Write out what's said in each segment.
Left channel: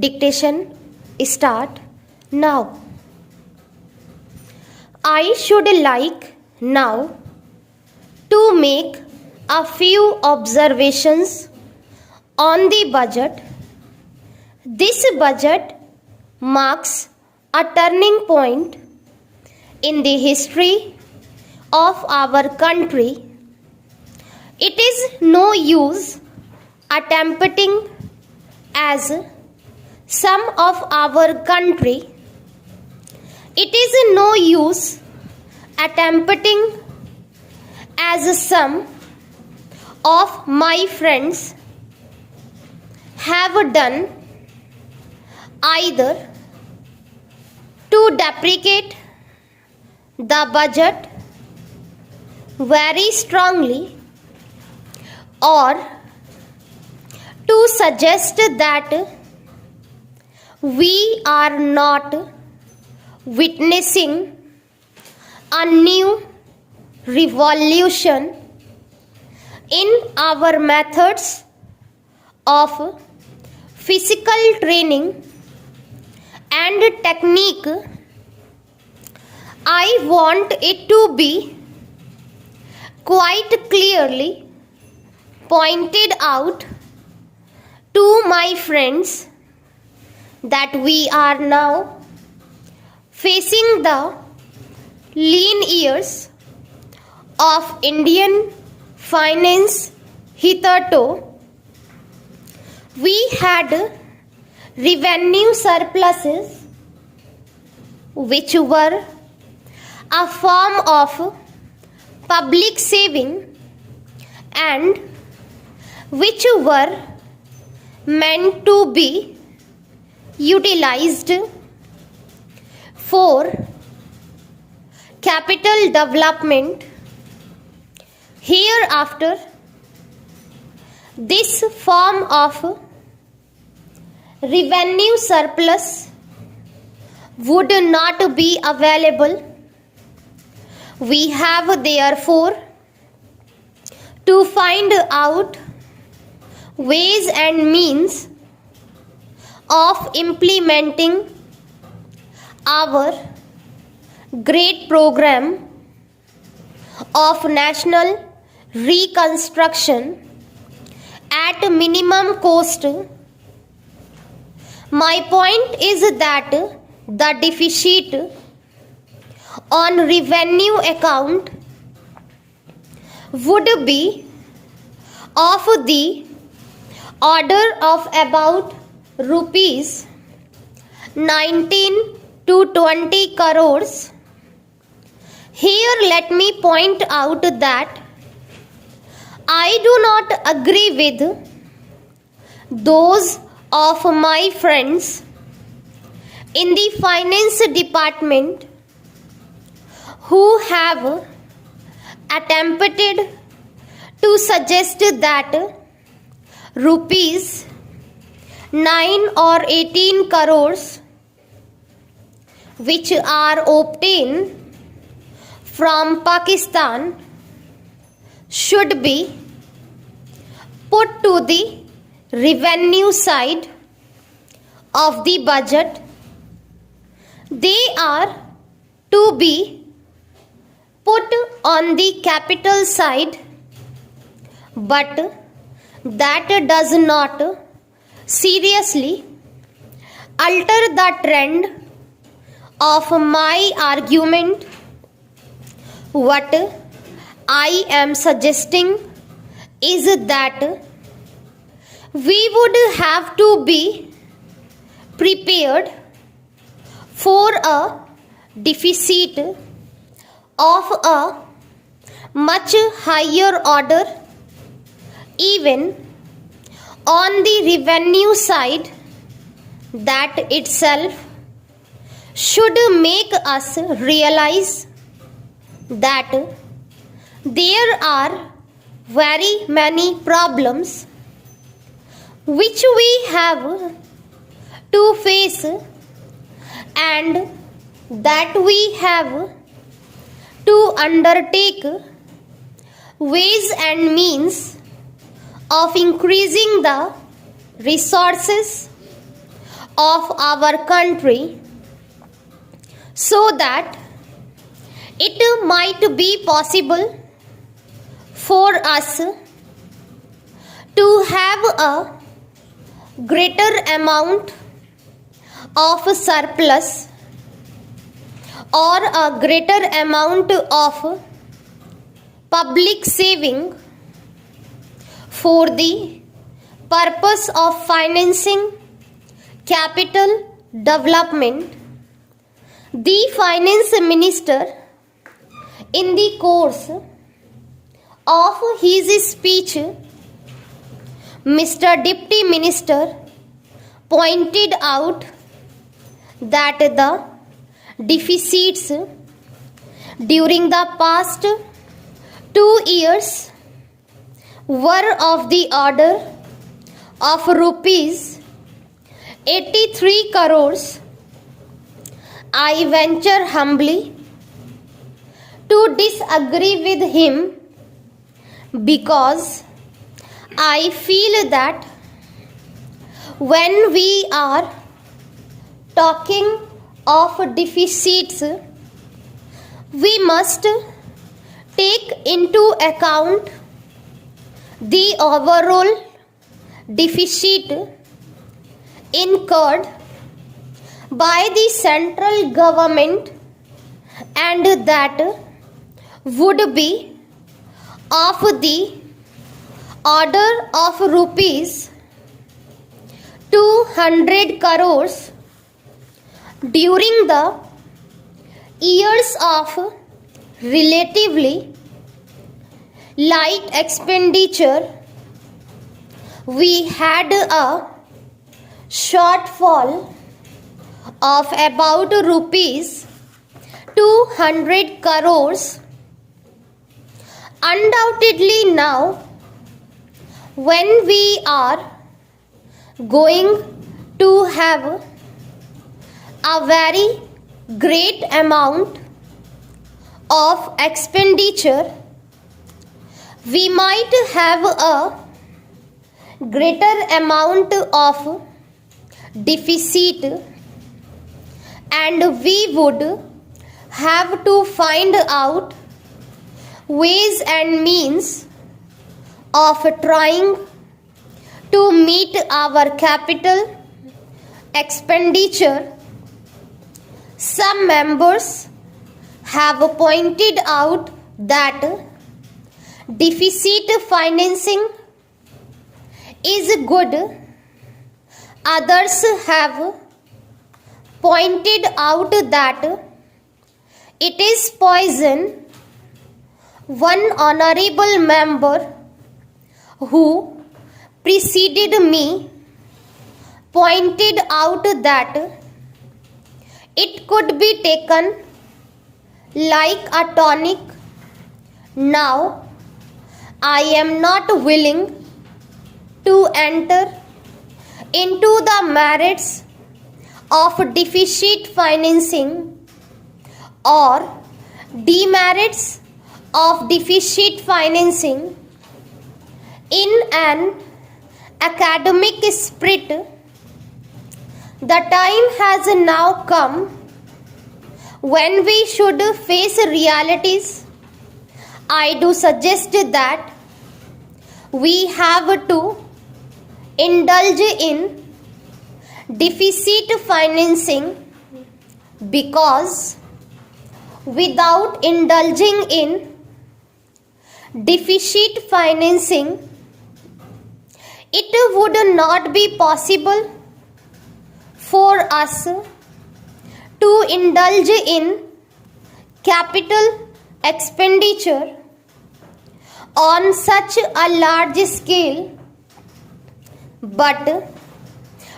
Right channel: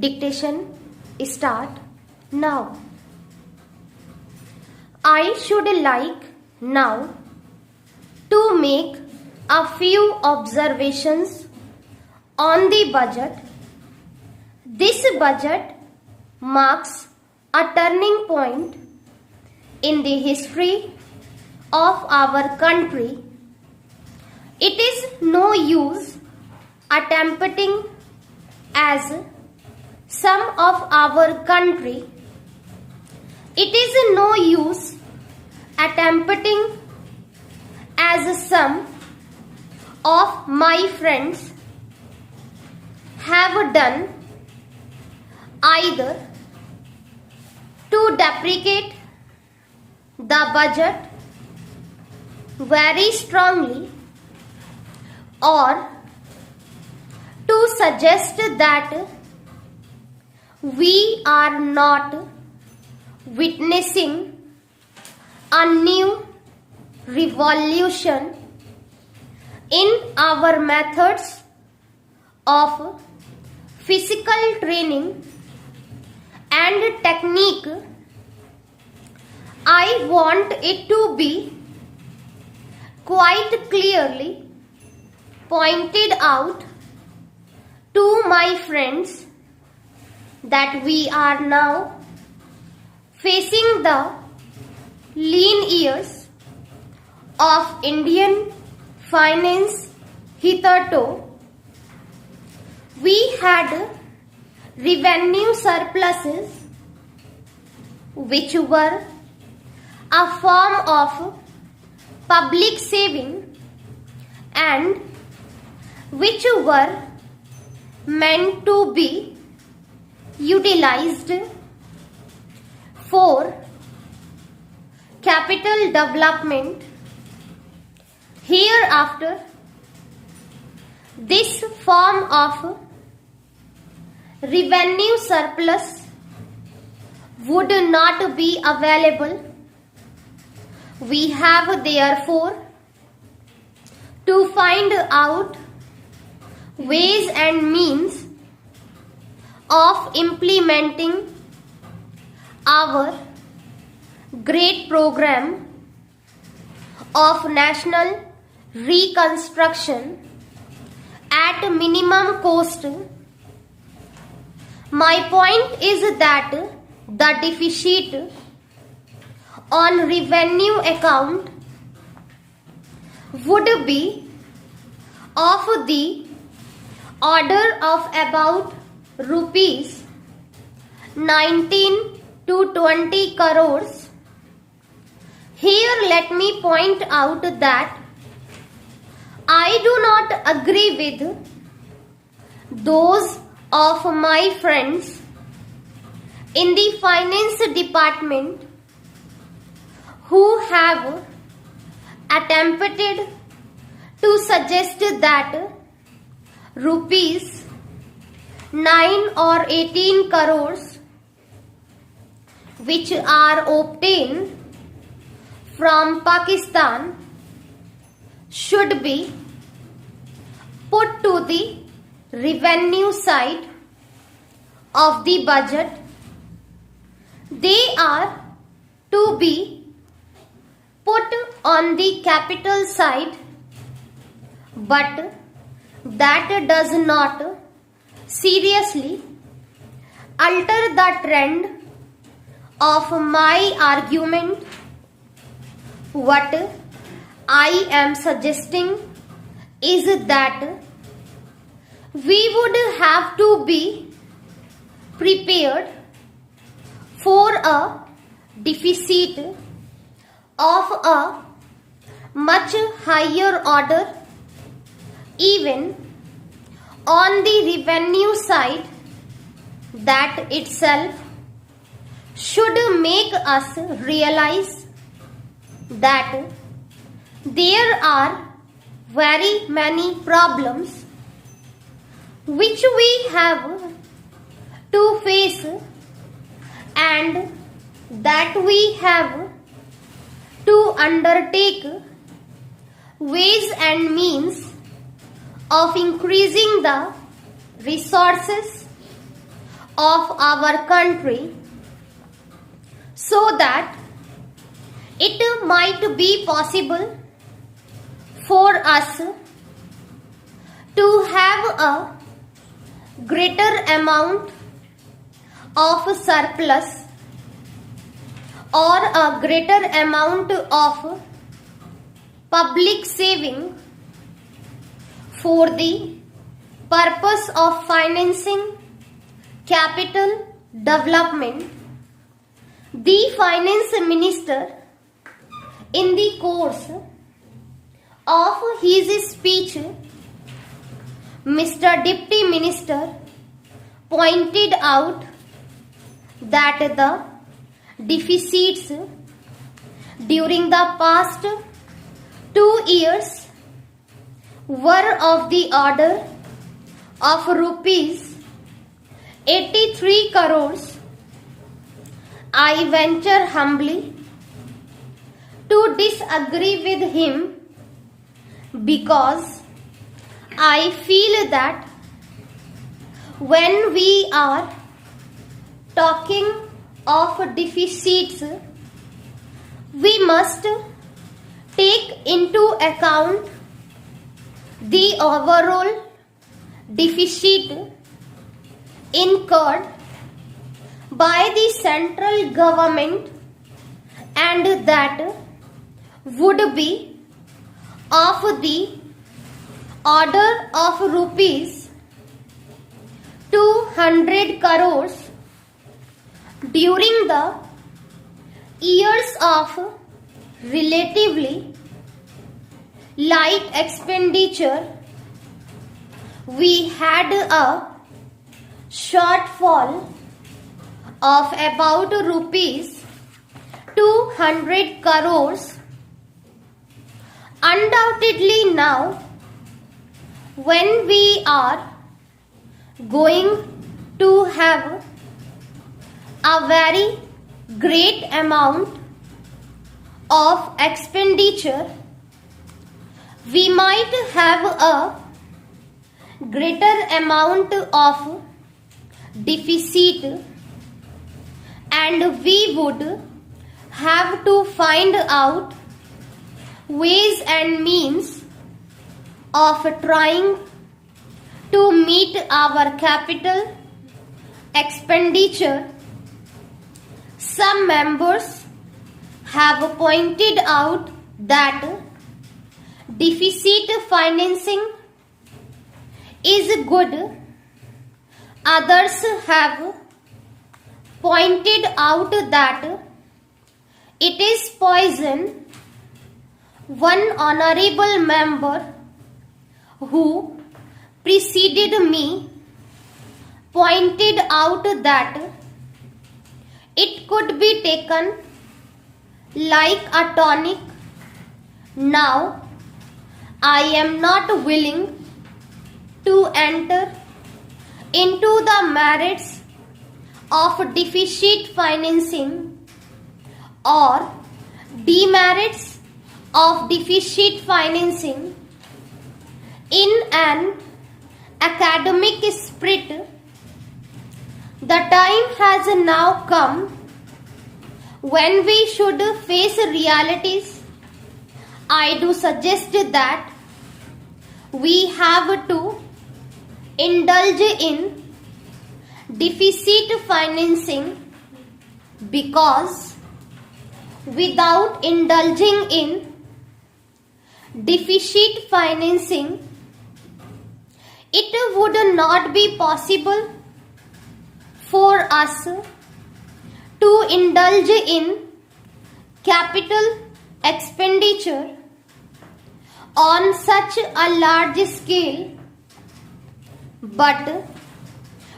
Dictation start now. I should like now to make a few observations on the budget. This budget marks a turning point in the history of our country. It is no use attempting as some of our country. It is no use attempting as some of my friends have done, either to deprecate the budget very strongly or to suggest that we are not witnessing a new revolution in our methods of physical training and technique. I want it to be quite clearly pointed out to my friends that we are now facing the lean years of Indian finance. Hitherto, we had revenue surpluses which were a form of public saving and which were meant to be utilized for capital development. Hereafter, this form of revenue surplus would not be available. We have therefore to find out ways and means of implementing our great program of national reconstruction at minimum cost. My point is that the deficit on revenue account would be of the order of about rupees 19 to 20 crores. Here let me point out that I do not agree with those of my friends in the finance department who have attempted to suggest that rupees 9 or 18 crores which are obtained from Pakistan should be put to the revenue side of the budget. They are to be put on the capital side, but that does not seriously alter the trend of my argument. What I am suggesting is that we would have to be prepared for a deficit of a much higher order. Even on the revenue side, that itself should make us realize that there are very many problems which we have to face and that we have to undertake ways and means of increasing the resources of our country so that it might be possible for us to have a greater amount of surplus or a greater amount of public saving for the purpose of financing capital development. The finance minister, in the course of his speech, Mr. Deputy Minister pointed out that the deficits during the past 2 years were of the order of rupees 83 crores. I venture humbly to disagree with him because I feel that when we are talking of deficits, we must take into account the overall deficit incurred by the central government, and that would be of the order of rupees 200 crores during the years of relatively light expenditure. We had a shortfall of about rupees 200 crores. Undoubtedly now, when we are going to have a very great amount of expenditure, we might have a greater amount of deficit, and we would have to find out ways and means of trying to meet our capital expenditure. Some members have pointed out that deficit financing is good. Others have pointed out that it is poison. One honorable member who preceded me pointed out that it could be taken like a tonic. Now, I am not willing to enter into the merits of deficit financing or demerits of deficit financing. In an academic spirit, the time has now come when we should face realities. I do suggest that we have to indulge in deficit financing, because without indulging in deficit financing, it would not be possible for us to indulge in capital expenditure on such a large scale. But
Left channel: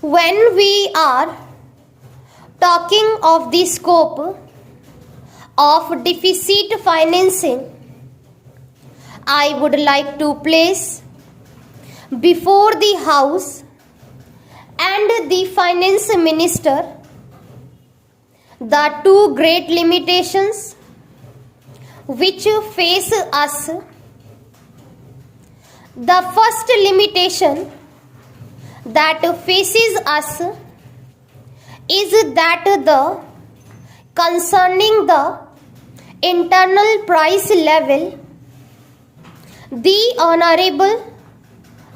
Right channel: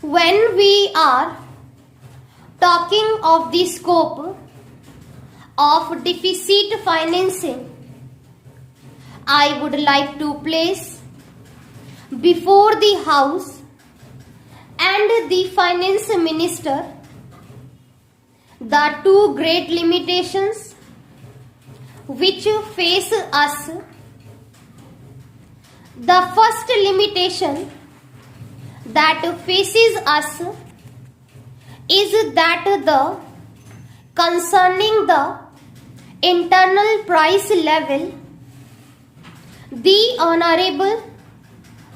when we are talking of the scope of deficit financing, I would like to place before the House and the Finance Minister the two great limitations which face us. The first limitation that faces us is that the concerning the internal price level, the Honorable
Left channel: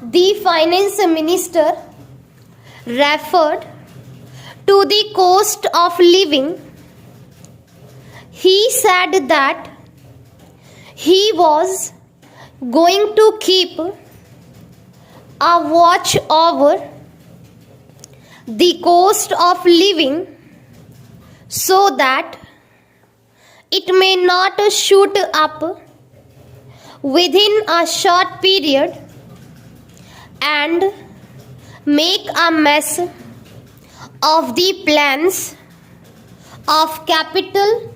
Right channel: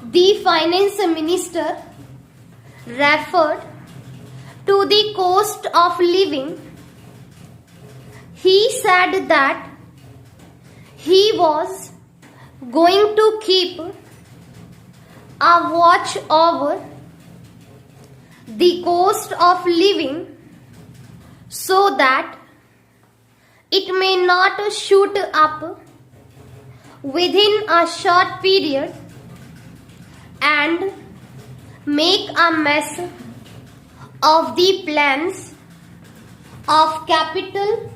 the Finance Minister referred to the cost of living. He said that he was going to keep a watch over the cost of living so that it may not shoot up within a short period and make a mess of the plans of capital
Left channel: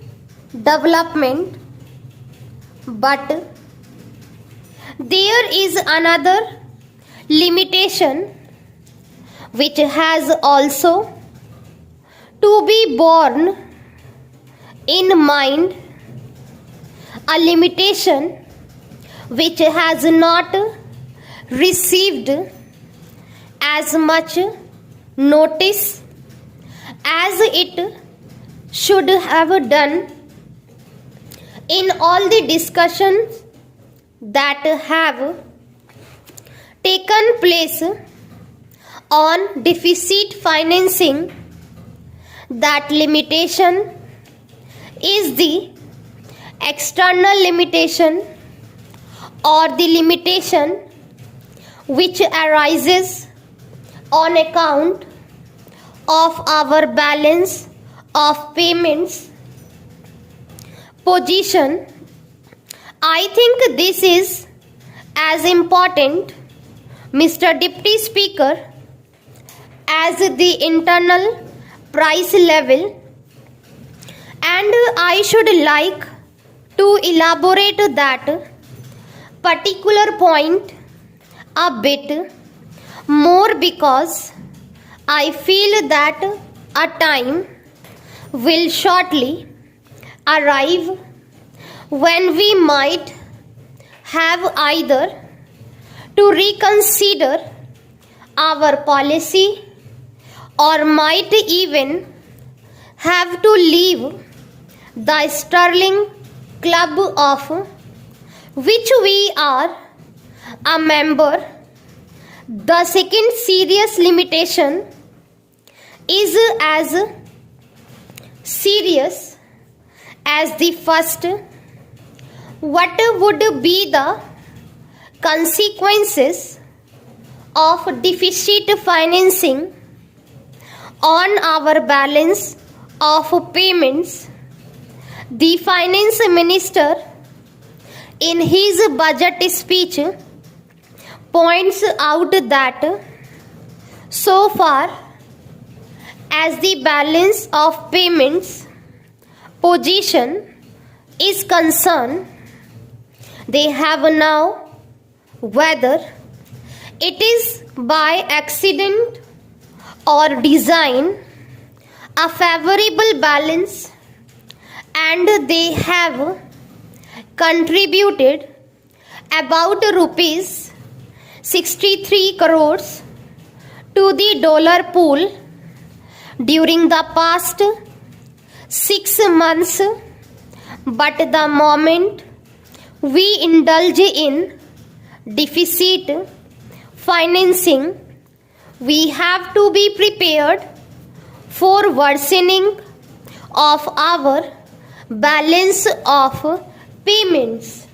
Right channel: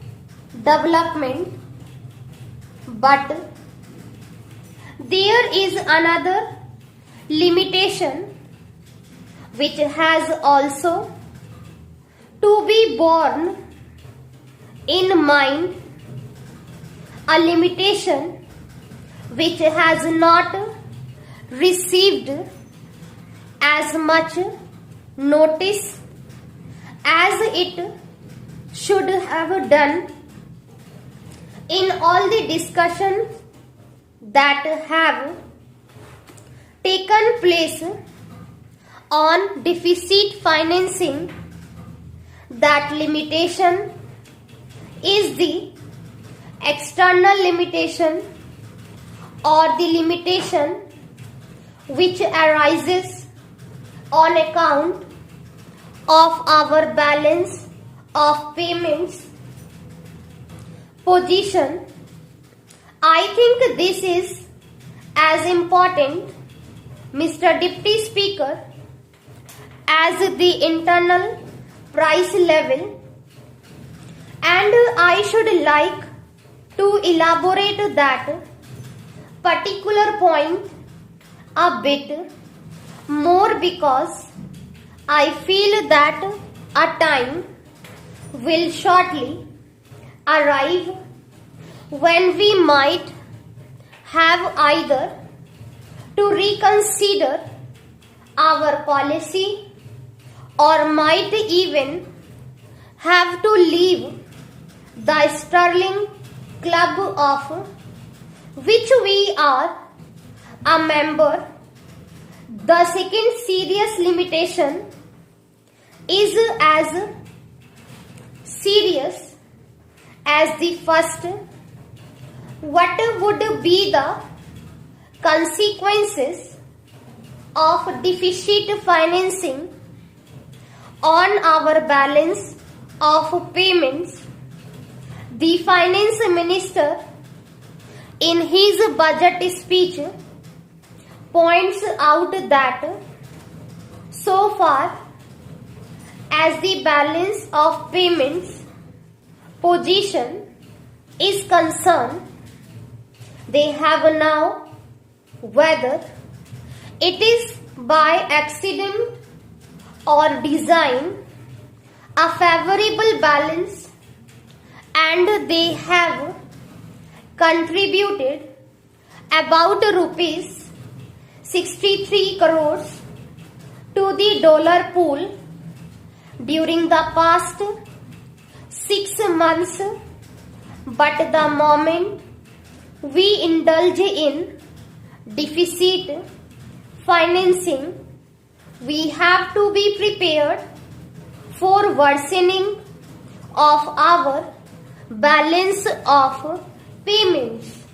development. But there is another limitation which has also to be borne in mind, a limitation which has not received as much notice as it should have done in all the discussions that have taken place on deficit financing. That limitation is the external limitation or the limitation which arises on account of our balance of payments position. I think this is as important, Mr. Deputy Speaker, as the internal price level, and I should like to elaborate that particular point a bit more because I feel that a time will shortly arrive when we might have either to reconsider our policy or might even have to leave the sterling club of which we are a member. The second serious limitation is as serious as the first. What would be the consequences of deficit financing on our balance of payments? The Finance Minister in his budget speech points out that so far as the balance of payments position is concerned, they have now, whether it is by accident or design, a favorable balance, and they have contributed about rupees 63 crores to the dollar pool during the past 6 months. But the moment we indulge in deficit financing, we have to be prepared for worsening of our balance of payments.